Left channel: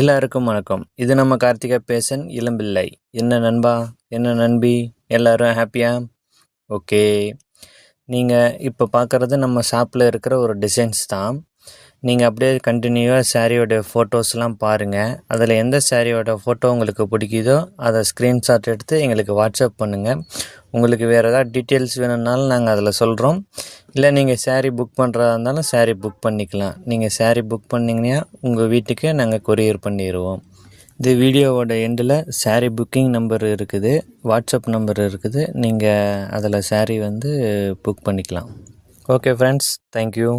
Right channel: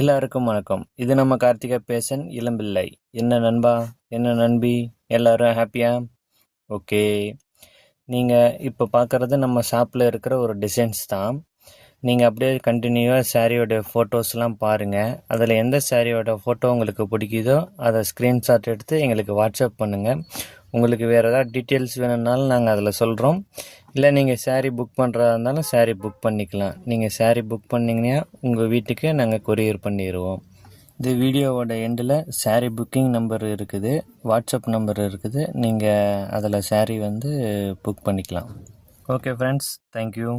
எல்லாருக்கும் வணக்கம். இது நம்ம கார்த்திகா பேசன் இளம்பிள்ளை. என்ன நண்பா, என்ன நண்பி, எல்லாரும் ஹாப்பியா? ஓகே. நீங்கள் இப்போ பார்க்குறது நம்ம ஷாப்பில் இருக்கிற ஒரு டிசைன்ஸ் தான். நீங்கள் அப்படியே கண்டினியூவாக சாரியோட ஃபோட்டோஸ்லாம் பாருங்கள். அதில் எந்த சாரியோட ஃபோட்டோ உங்களுக்கு பிடிக்குதோ அதை ஸ்க்ரீன்ஷாட் எடுத்து எங்களுக்கு வாட்ஸ்அப் பண்ணுங்கள். உங்களுக்கு வேறு ஏதாவது டீட்டெயில்ஸ் வேணும்னாலும் நாங்கள் அதில் சொல்கிறோம். இல்லை நீங்கள் சாரீ புக் பண்ணுறதா இருந்தாலும் சாரீ புக் பண்ணிக்கலாம். நீங்கள் சாரீ புக் பண்ணிங்கன்னா உங்கள் வீட்டுக்கு நாங்கள் கொரியர் பண்ணிடுவோம். இந்த வீடியோவோட எண்டில் சாரீ புக்கிங் நம்பர் இருக்குது, வாட்ஸ்அப் நம்பர் இருக்குது. நீங்கள் அதில் சாரீ புக் பண்ணிக்கலாம். Okay friends, thank you.